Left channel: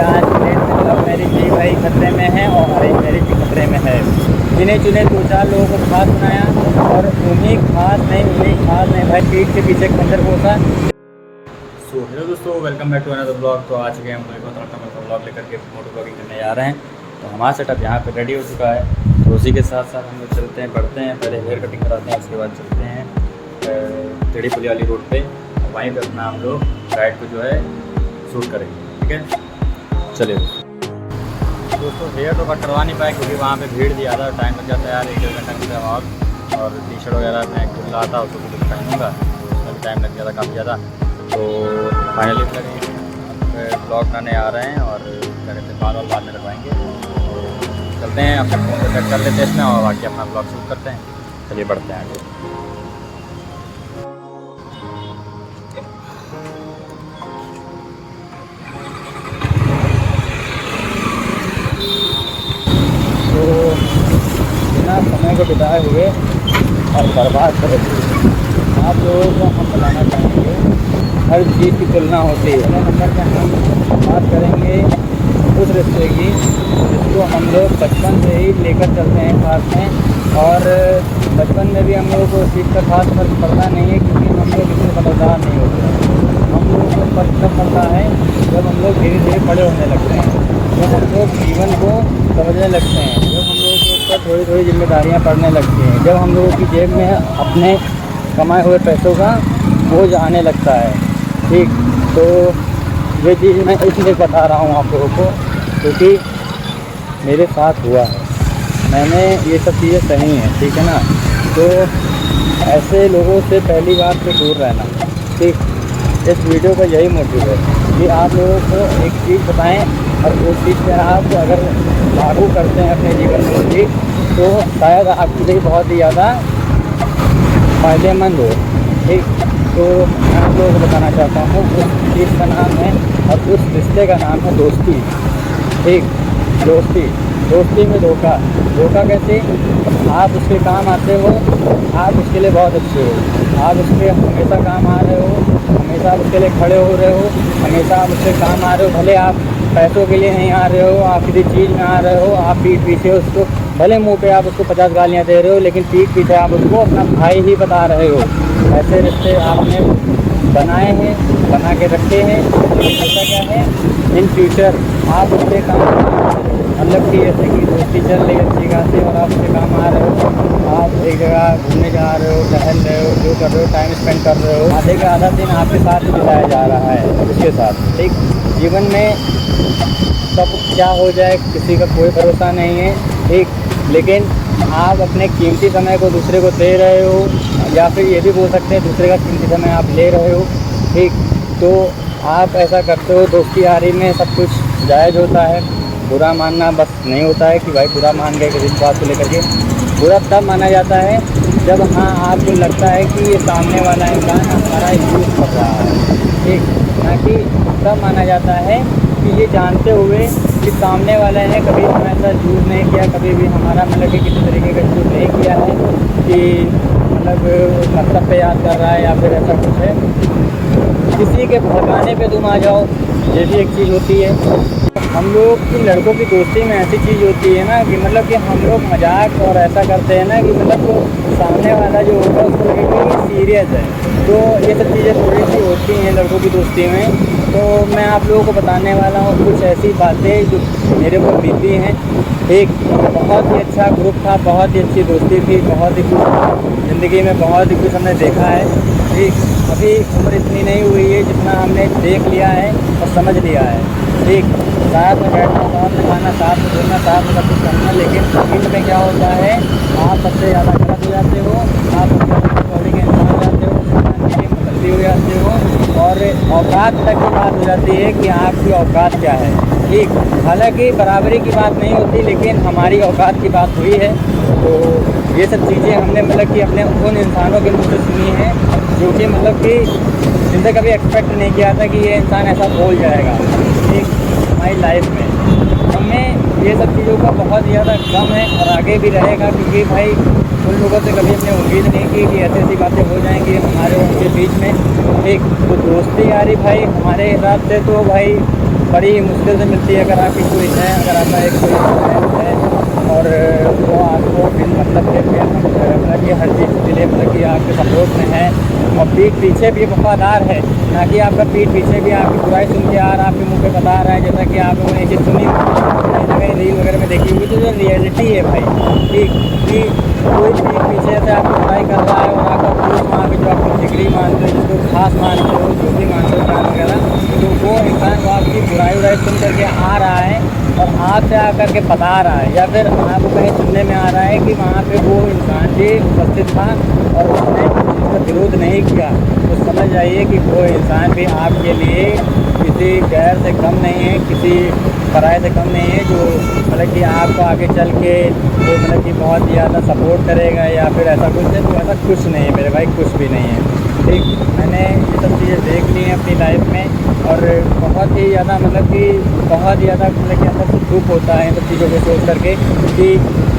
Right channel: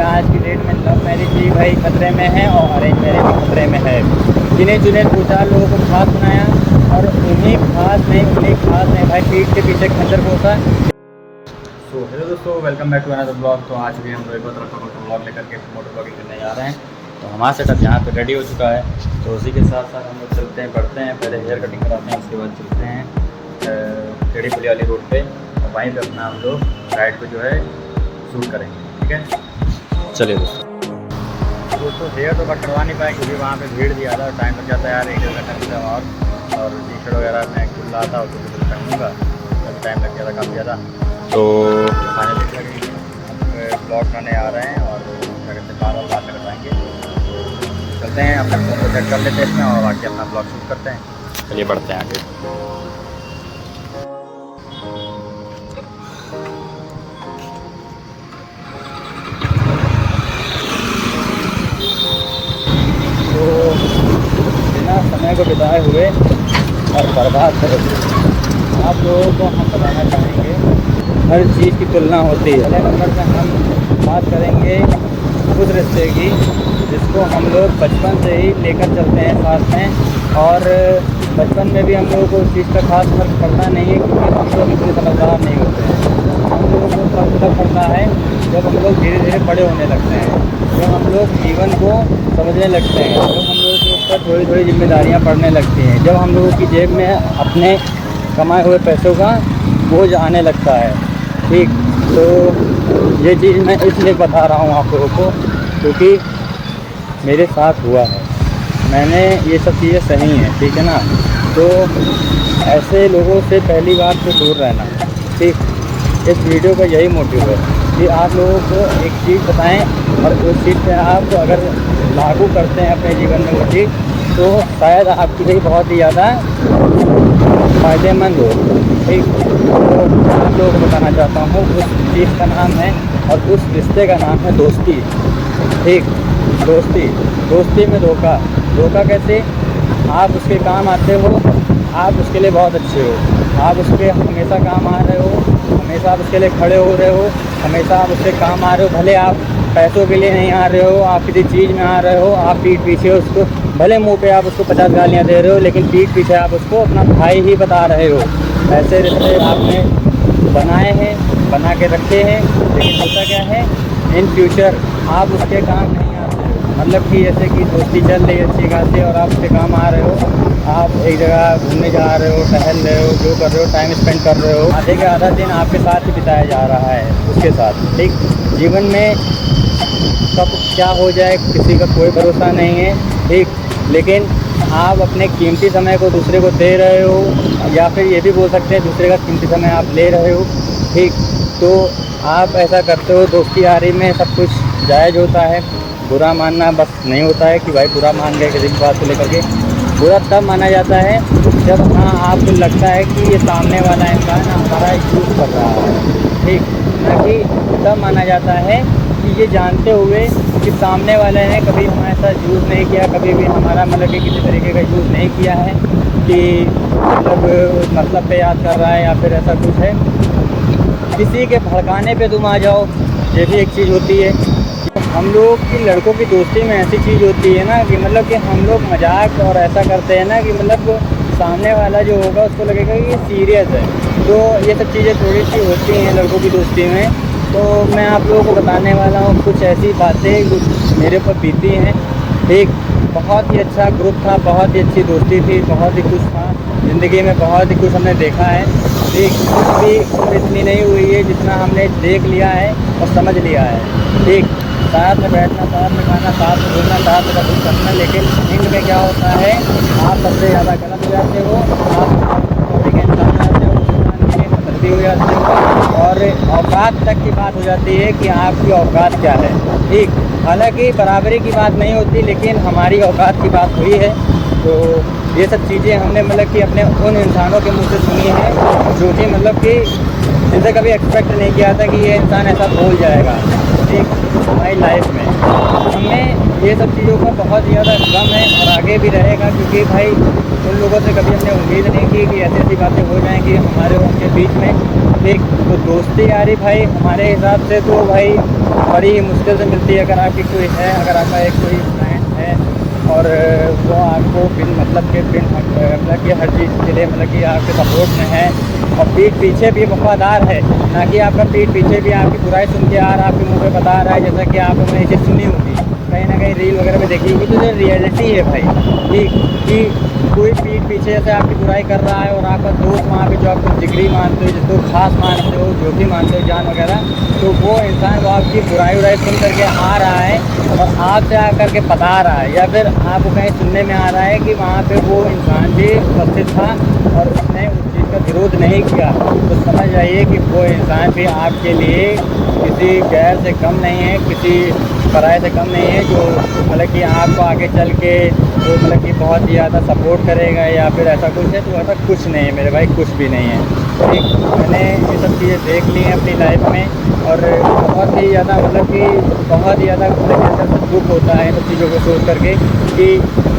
आज की डेट में लव मैरिज भी भाई खतरे में है और अरेंज मैरिज भी खतरे में है। गिने चुने दो चार लोगों को खास बनाया और उन्हीं खास नहीं भाई पीठ के पीछे खंजर घोसा। सो हेलो दोस्तों, welcome back to another blog. तो आज भी हम ब्लॉग लेकर के मोटर ब्लॉगिंग करने जा रहे हैं। तो हमारा सेटअप यहाँ पे रेडी हो चुका है, तो उसी के साथ साथ हम लोग चलते हैं, बढ़ते हैं, पहले हेयर कटिंग कराते हैं, उसके बाद चलते हैं टेढ़ी पुली वाली रोड पे और वहीं पे अपना हम लोग राइड को जो है शूट करेंगे। ठीक है, चलिए दोस्तों। हेयर तो कट करवा नहीं पाए क्योंकि वहाँ पे भीड़ भी ज़्यादा, टाइम लग जाता है यार, 1-1.5 घंटा और टी शर्ट वगैरह मैं खुल रहा था उसको भी पहनूँगा, अभी टाइम लग जाता काफ़ी ज़्यादा। तो फाइनली ब्लॉग बनाने आ रहे हैं और क्या कहते हैं बार बाद में करवाएंगे। तो चलते हैं, अपने फ़ोन को सेट कर लेते हैं इसमें और बाकी अपना ब्लॉग शूट करते हैं। चलिए बढ़ते हैं आगे। तो बिना समय को बिताए हुए और बर्बाद करे हुए आप लोगों को हम बताना चाहेंगे, हर चीज़ की तुलना होती है। पहले नंबर पे हम बात करेंगे उस रिश्ते की जिसको हम लोग बचपन से ही लेकर चलते हैं साथ में, और बचपन में भी हम लोगों को उस चीज़ का खास फर्क पड़ता नहीं है क्योंकि हम लोग इतने समझदार नहीं होते हैं। हम लोगों को फर्क तब पड़ता है जब हम लोग धीरे धीरे बड़े होने लगते हैं, जब हम लोग जीवन को समझने लगते हैं, जब हम लोगों के ऊपर थोड़ी थोड़ी जिम्मेदारियां पड़ने लगती हैं, जब हम लोगों की जेब में अपने कमाए हुए पैसों का बोझ आने लगता है। ठीक, तो ये चीज़ मैं इसलिए बता रहा हूँ आप लोगों को क्योंकि मेरे साथ हुआ है, मैंने ये सब चीज़ें सही हैं। ठीक है ना, तो ऐसे लोगों से पहली बात तो दूर रहना। ठीक, इस वीडियो का यही मोटिव है कि आप लोगों को एक चीज़ बताएं और उस चीज़ पे आप अगर लागू करते हैं अपने जीवन में वो चीज़, तो शायद आपके लिए बहुत ही ज़्यादा फ़ायदेमंद हो। ठीक, तो मैं आप लोगों को बताना चाहता हूँ उस चीज़ का नाम है और उस रिश्ते का नाम है दोस्ती। ठीक, दोस्ती में धोखा कैसे? आप उसके काम आते हो, आप उसके लिए बहुत अच्छे हो, आप उसके हमेशा काम आ रहे हो, हमेशा आप उसके लिए खड़े हो रहे हो, हमेशा आप उसके काम आ रहे हो, भले आप पैसों के लिए नहीं आ रहे हो, आप किसी चीज़ में आ रहे हो, आप पीठ पीछे उसको, भले मुंह पे आप उसको 50 गालियाँ दे रहे हो लेकिन पीठ पीछे आप उसको अपना भाई ही बता रहे हो। ऐसे रिश्ते आपने बनाए हैं, बना के रखे हैं, लेकिन होता क्या है, इन फ्यूचर आप उसके काम नहीं आते हो। मतलब कि जैसे कि दोस्ती चल रही है अच्छी खासी और आप उसके काम आ रहे हो, आप एक जगह घूमने जा रहे हो, टहल रहे हो, जो कर रहे हो, टाइम स्पेंड कर रहे हो, आधे का आधा दिन आपके साथ ही बिताया जा रहा है उसके साथ। ठीक, जीवन में कब क्या हो जाए किसी का कोई भरोसा नहीं है। ठीक, लेकिन आप अपने कीमती समय को दूसरे को दे रहे हो, या फिर ये भी बोल सकते हैं दूसरे का कीमती समय आप ले रहे हो। ठीक, तो आप ऐसा करते हो, दोस्ती यारी में सब कुछ जायज़ होता है, बुरा मानना बस नहीं होता है कि भाई बुरा मान गए किसी बात को लेकर के। बुरा तब माना जाता है जब हाँ आपको लगता है कि ये सामने वाला इंसान हमारा यूज़ कर रहा है। ठीक, ना कि तब माना जाता है कि ये जानते हुए कि सामने वाले ने कभी हमारे साथ यूज़ नहीं किया, कभी भी हमारा मतलब कि किसी तरीके का यूज़ नहीं किया है कि मतलब पे याद कर रहा है या फिर ऐसा कुछ है। किसी के भड़काने पे तुम आ जाओ, ये भी एक चीज़ होती है। हम लोग की लड़कों की दोस्ती में ऐसी चीज़ होती है ना कि मतलब कि हम लोग मजाक और ऐसा करते हैं ना कि मतलब सामने वाला जो होगा उसको लगेगा कि सीरियस है। तो ये सब चीज़ें थोड़ी सी होती हैं लड़कों की दोस्ती में। तो मैं आप लोगों को बताने वाला हूँ कुछ ऐसी बातें जो मेरे ऊपर बीती हैं। एक बहुत ही अच्छा ग्रुप था, बहुत ही अच्छी दोस्ती थी, बहुत ही कुछ ज़िंदगी में बहुत ही कुछ हमने देखा है। ठीक, अभी उम्र इतनी नहीं हुई है जितना हमने देख लिया है और समझ लिया है। ठीक, साथ में बैठना, साथ में खाना, साथ में घूमना, साथ में सब कुछ करना, लेकिन एंड में क्या होता है, आप सबसे ज़्यादा गलत हो जाते हो, आप कौड़ी के इंसान हो जाते हो, इंसान के लिए मतलबी हो जाते हो और औकात तक की बात हो जाती है कि आपकी औकात क्या है। ठीक, हालांकि बराबरी की बात नहीं होती लेकिन हमारी औकात की बात हुई है। तो ये सब चीज़ें हमने मतलब कि अपने उन इंसानों के मुँह से सुनी है जो कि मतलब कि इनसे कभी एक्सपेक्ट नहीं किया था कि ये इंसान ऐसा बोल जाएगा। ठीक, हमारी लाइफ में हमें ये सब चीज़ों का बहुत ज़्यादा गम है और आगे भी रहेगा क्योंकि भाई उन लोगों से कभी हमने उम्मीद नहीं की कि ऐसी ऐसी बातें हो जाएंगी हमारे उनके बीच में। एक तो दोस्ती यारी भाई हमारे हिसाब से तो भाई बड़ी ही मुश्किल से मिलती है। अगर आपकी कोई है, अगर आपका एक कोई फ्रेंड है और वो आपको बिन मतलब के मतलब कि हर चीज़ के लिए मतलब कि आपके सपोर्ट में है और पीठ पीछे भी वफादार है, ना कि आपका पीठ पीछे भी आपकी बुराई सुन के आ रहा है, आपके मुंह पे बता रहा है, जैसा कि आप लोगों ने ये चीज़ सुनी होगी, कहीं ना कहीं रील वगैरह में देखी होगी। तो ये रियलिटी है भाई, ठीक कि कोई पीठ पीछे से आपकी बुराई कर रहा है और आपका दोस्त वहाँ पे जो आपको जिगरी मानते हो, जिसको खास मानते हो, जो भी मानते हो जान वगैरह, तो वो इंसान वो आपकी बुराई उराई सुन करके आ रहा है और आपसे आकर के बता रहा है, या फिर आपको कहीं सुनने में आ रहा है कि वहाँ पे वो इंसान भी उपस्थित था और उसने उस चीज़ का विरोध नहीं किया, तो समझ जाइए कि वो इंसान भी आपके लिए किसी गैर से कम नहीं है, किसी पराये से कम नहीं है, जो मतलब कि आपको आगे चल के वो मतलब कि बहुत ज़्यादा सपोर्ट करेगा या फिर ऐसा कुछ है। तो ऐसा कुछ नहीं है मेरे भाई, कुछ भी नहीं है, ठीक। मैंने ये सब चीज़ें देख ली हैं अपनी लाइफ में और बहुत ही ज़्यादा मतलब कि बहुत ही ज़्यादा मतलब कि अंदर से दुख होता है इन सब चीज़ों को सोच करके कि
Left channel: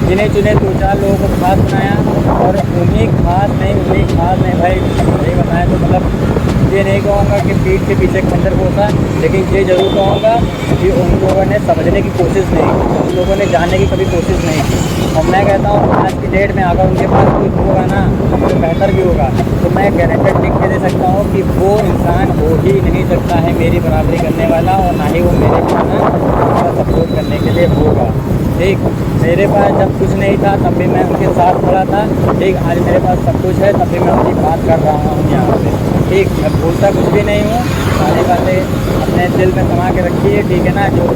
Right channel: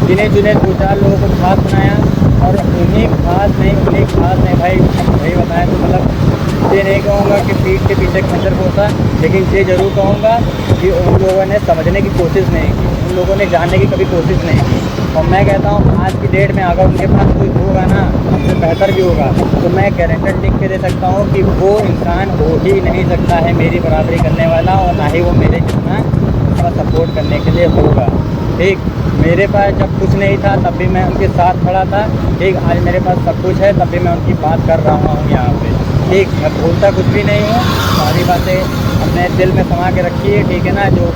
गिने चुने 2-4 लोगों को खास बनाया और उन्हीं खास नहीं भाई, सही बताएं तो मतलब ये नहीं कहूँगा कि पीठ के पीछे खंजर घोंसा, लेकिन ये ज़रूर कहूँगा कि उन लोगों ने समझने की कोशिश नहीं की, उन लोगों ने जानने की कभी कोशिश नहीं की। और मैं कहता हूँ आज की डेट में अगर उनके पास कोई होगा ना, हमसे बेहतर भी होगा, तो मैं गारंटेड लिख के दे सकता हूँ कि वो इंसान हो ही नहीं सकता है मेरी बराबरी करने वाला, और ना ही वो मेरे जितना उसका सपोर्ट करने के लिए होगा, ठीक। मेरे पास जब कुछ नहीं था तब भी मैं उनके साथ खड़ा था, ठीक। आज मेरे पास सब कुछ है तब भी मैं उनकी बात कर रहा हूँ यहाँ पे, ठीक। मैं भूलता कुछ भी नहीं हूँ, सारी बातें अपने दिल में समा के रखी है, ठीक है ना। जो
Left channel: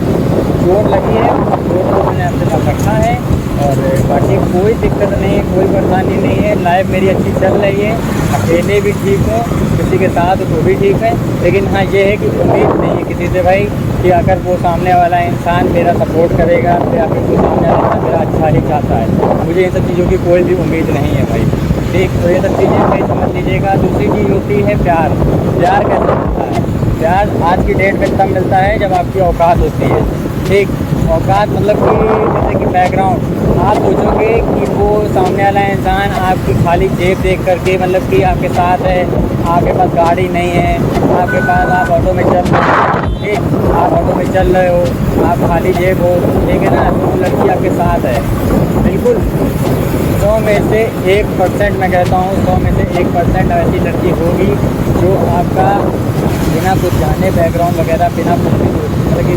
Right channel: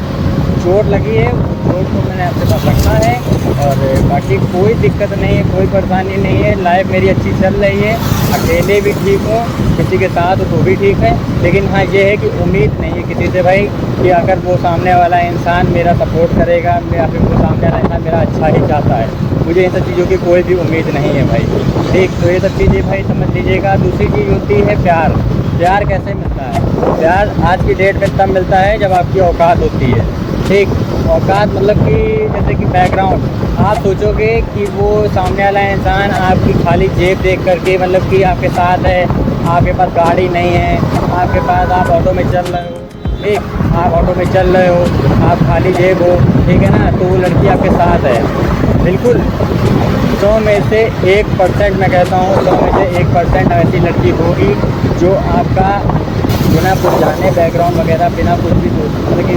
चोट लगी है चोट को मैंने अपने पास रखा है और बाकी कोई दिक्कत नहीं है, कोई परेशानी नहीं है। लाइफ मेरी अच्छी चल रही है, अकेले भी ठीक हूँ, किसी के साथ हो तो भी ठीक है, लेकिन हाँ ये है कि उम्मीद नहीं है किसी से भाई कि अगर वो सामने वाला इंसान मेरा सपोर्ट करेगा या फिर वो सामने वाला इंसान मेरा अच्छा ही चाहता है। मुझे इन सब चीज़ों की कोई भी उम्मीद नहीं है भाई, ठीक। तो ये सब चीज़ें भाई समझ लीजिएगा। दूसरी चीज़ होती है प्यार। प्यार कैसे मिलता है? प्यार आज की डेट में तब मिलता है जब आपकी औकात होती है, ठीक। औकात मतलब कि जैसे कि बैकग्राउंड, आप सोचोगे कि वो सामने वाला इंसान आपकी खाली जेब देख करके मतलब कि आपके साथ है, आपके पास गाड़ी नहीं है, आपके पास आप ऑटो में चल रहे हो, ठीक। आप ऑटो में चल रहे हो, आप खाली जेब हो, ठीक है ना, तो वो लड़की आपके साथ है। बिल्कुल 100 में से 1% मैं कहता हूँ, 100 में से 1% ऐसी लड़की होगी जो आपका बिना कुछ जाने बैकग्राउंड वगैरह, बिना कुछ भी मतलब कि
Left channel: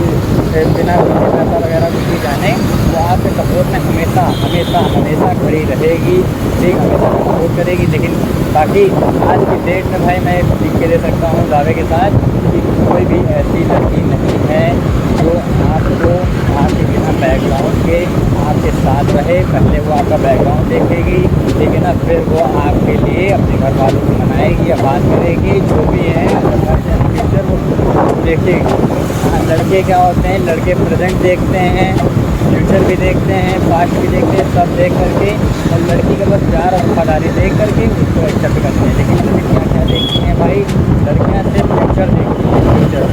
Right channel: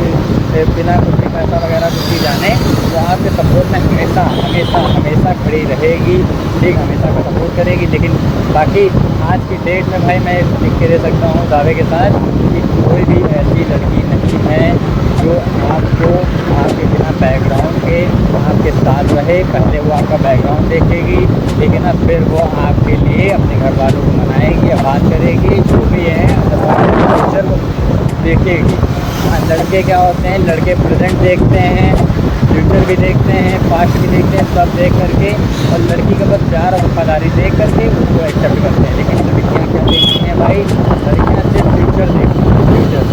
बिना कुछ भी पैसा वगैरह कुछ भी जाने, वो आपके सपोर्ट में हमेशा हमेशा हमेशा खड़ी रहेगी, ठीक। हमेशा का सपोर्ट करेगी। लेकिन बाकी आज की डेट में भाई मैं लिख के दे सकता हूँ दावे के साथ कि कोई भी ऐसी लड़की नहीं है जो आपको आपके बिना बैकग्राउंड के आपके साथ रहे। पहले वो आपका बैकग्राउंड देखेगी, ठीक है ना, फिर वो आपके लिए अपने घर वालों को मनाएगी या बात करेगी, जो भी है फ्यूचर वो देखेगी। हाँ, लड़के क्या होते हैं, लड़के प्रेजेंट देखते हैं, फ्यूचर भी देखते हैं, पास्ट भी देखते हैं, सब देख करके, और लड़की का बस प्यार और वफादारी देख करके उसको एक्सेप्ट करते हैं। लेकिन लड़कियाँ क्या देखती हैं भाई, लड़कियाँ सिर्फ फ्यूचर देखती हैं। फ्यूचर,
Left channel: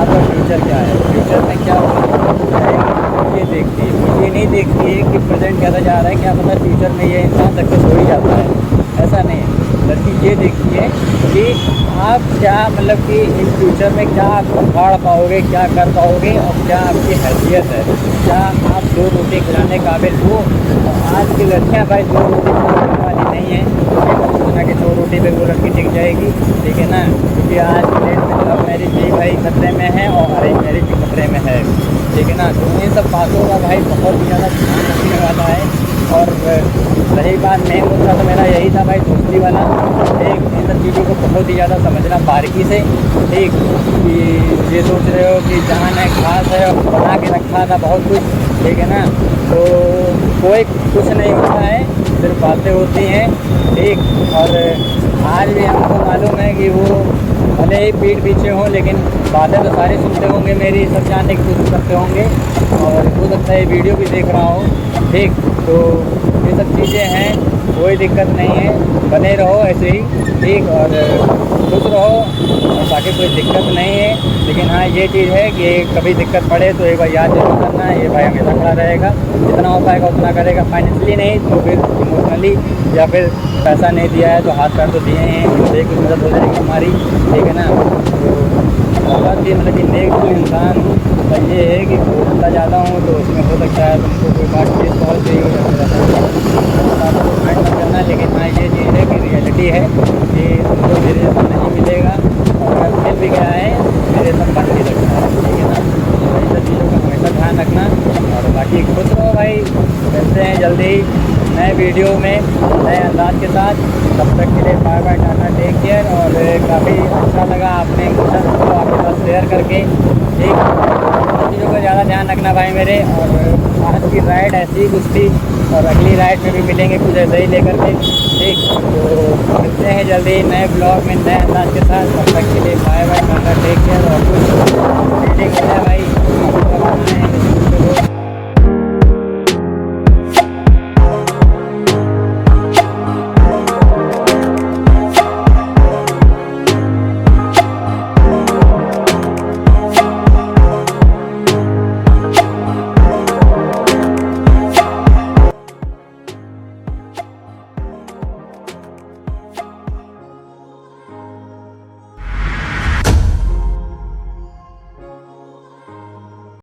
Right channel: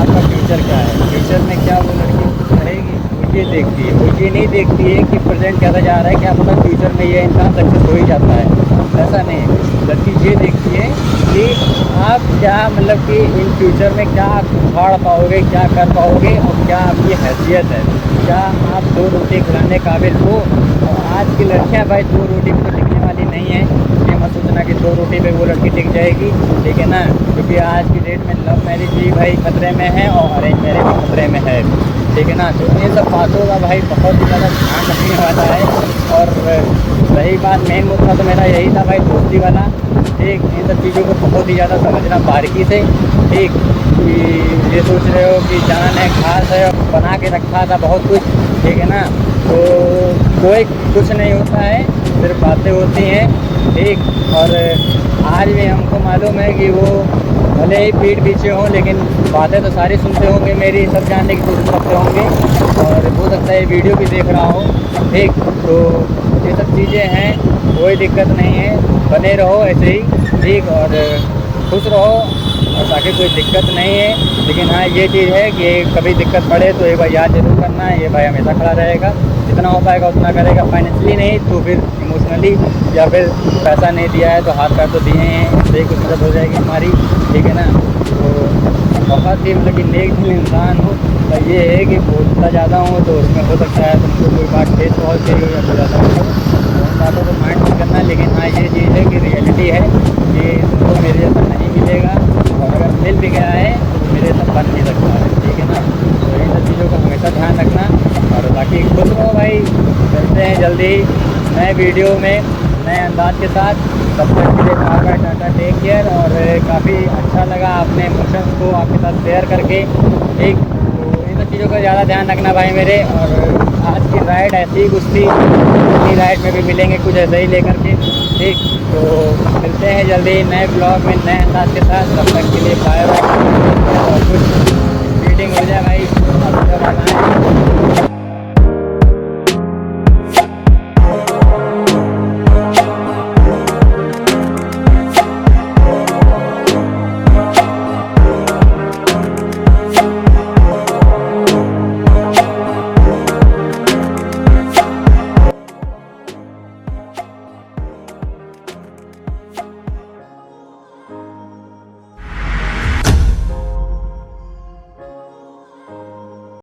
आपका फ्यूचर क्या है, फ्यूचर में क्या वो लड़की रहेगी, वो ये देखती है। वो ये नहीं देखती है कि प्रेजेंट कैसा जा रहा है, क्या पता फ्यूचर में ये इंसान सक्सेस हो ही जाता है, ऐसा नहीं है। लड़की ये देखती है कि आप क्या मतलब कि इन फ्यूचर में क्या उखाड़ पाओगे, क्या कर पाओगे और क्या आपकी हैसियत है, क्या आप 2 रोटी खिलाने काबिल हो। और आज की लड़कियां भाई 2 रोटी पर करने वाली नहीं है। ये मत सोचना कि 2 रोटी पे वो लड़की टिक जाएगी, ठीक है ना, क्योंकि आज की डेट में लव मैरिज भी भाई खतरे में है और अरेंज मैरिज भी खतरे में है, ठीक है ना। तो इन सब बातों का भाई बहुत ही ज़्यादा ध्यान रखने वाला है। और रही बात मेन मुद्दा तो मेरा यही था भाई, दोस्ती वाला, ठीक। इन सब चीज़ों को बहुत ही ज़्यादा समझना बारीकी से, ठीक। कि ये सोच रहे हो कि जान है खास है और बना के रखा था बहुत कुछ, ठीक है ना, तो कोई कुछ नहीं होता है, सिर्फ बातें होती हैं, ठीक। और आज भी हमको मालूम है कि वो भले ही पीठ पीछे हों, लेकिन बातें तो सारी सुनते होंगे मेरी, सब जानने की कोशिश करते होंगे, और हो सकता है वीडियो भी देख रहा हो, ठीक। तो ये सब चीज़ें हैं, कोई दिक्कत नहीं है, बने रहो ऐसे ही, ठीक। और खुश रहो और बाकी कोई दिक्कत नहीं है। लेकिन हाँ ये चीज़ है कि कभी दिक्कत पड़े तो एक बार याद जरूर करना है, ये भाई हमेशा खड़ा रहेगा, जितना हो पाएगा उतना करेगा। फाइनेंशियली नहीं तो फिर इमोशनली, या फिर पैसा नहीं दिया है तो हाथ पैर तो दिए हैं, इनसे कुछ मदद हो जाएगी हमारी, ठीक है ना। तो बहुत ही मतलब कि नेक दिल इंसान हूँ। पर ये है कि बोलता ज़्यादा हूँ तो उसमें हो सकता है तुमको कोई बात ठेस बहुत चाहिए हो या फिर ऐसा कुछ हो, तो उन बातों को माइंड मत करना। लेकिन हाँ ये चीज़ है कि रियलिटी है कि तुमको मेरे जैसा नहीं मिलेगा, और अगर मिल भी गया है तो मेरे जैसा बन भी सकता है, ठीक है ना। तो इन सब चीज़ों का हमेशा ध्यान रखना, और बाकी खुश रहो भाई। मिलते हैं जल्दी नए वीडियो में नए अंदाज के साथ। तब तक के लिए bye bye, tata, take care. और काफ़ी अच्छा लगा अपने इमोशंस को आपके साथ शेयर करके, ठीक। तो इन सब चीज़ों का ज़्यादा ध्यान रखना भाई मेरे। और आज की राइड ऐसी ही कुछ थी, और अगली राइड में भी मिलेंगे कुछ ऐसे ही लेकर के, ठीक। तो मिलते हैं जल्दी नए ब्लॉग में नए अंदाज के साथ। तब तक के लिए bye bye, tata, take care. और कुछ रीडिंग हो जाए भाई।